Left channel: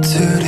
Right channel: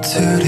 들이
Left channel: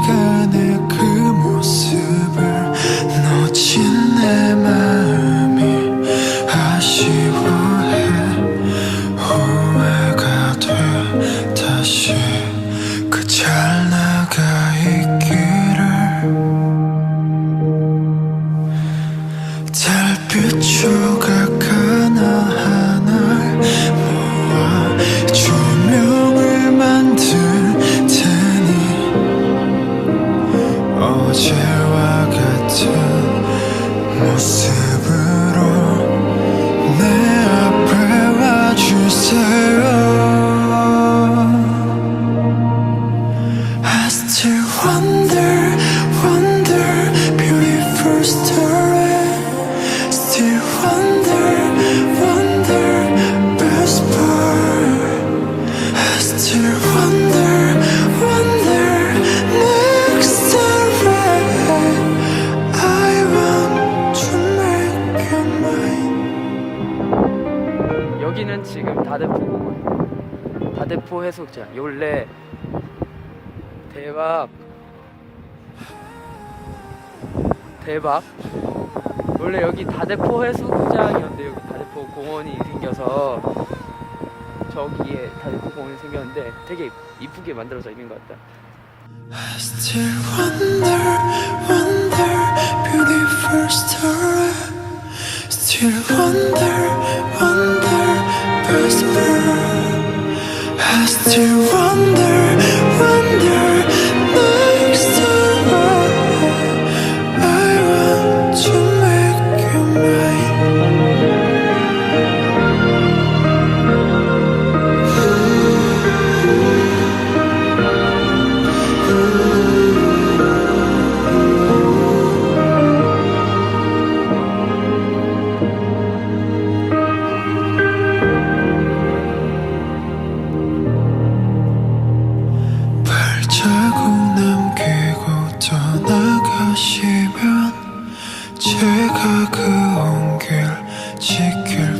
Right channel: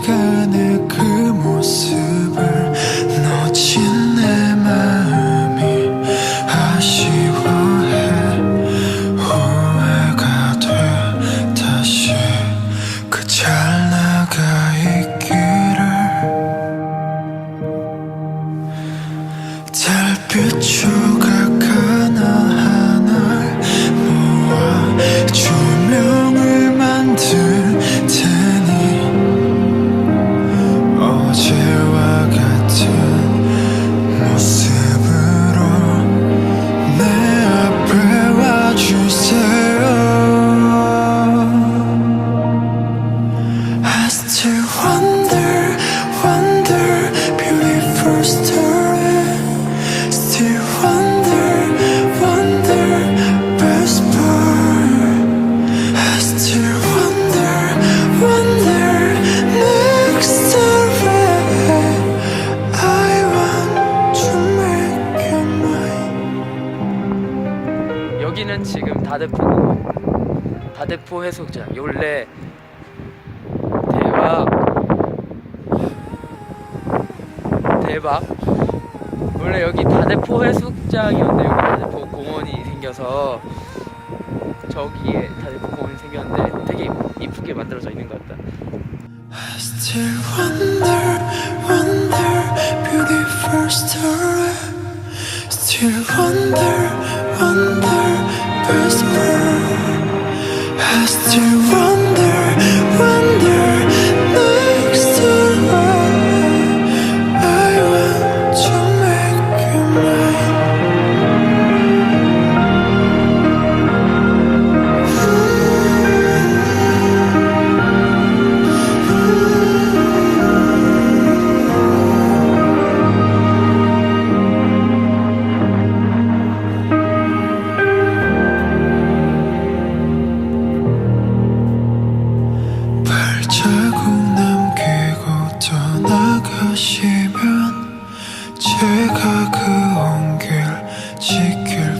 시간에 그 모습을 놓친 내 마음이 아쉬워해. 후회가 돼. 다시 그 찰나가 있기를. 달빛 조각 어제와 같은 모습으로 내 앞에 와주세요 I still wonder, wonder, beautiful story. Still wonder, wonder, best part. I still wonder, wonder, 여기는 지금 다대포 다대포 해수욕장. 원래 대박 대박. 원래 여기 다대포 해수욕장이었는데 다대포 공원이 생겨서 저기에 다대포 공원이 생겼는데 되게 이쁘게 만들어져 있는 것 같다. Still wonder, wonder, has to wonder, wonder 제가 그 온길 지켜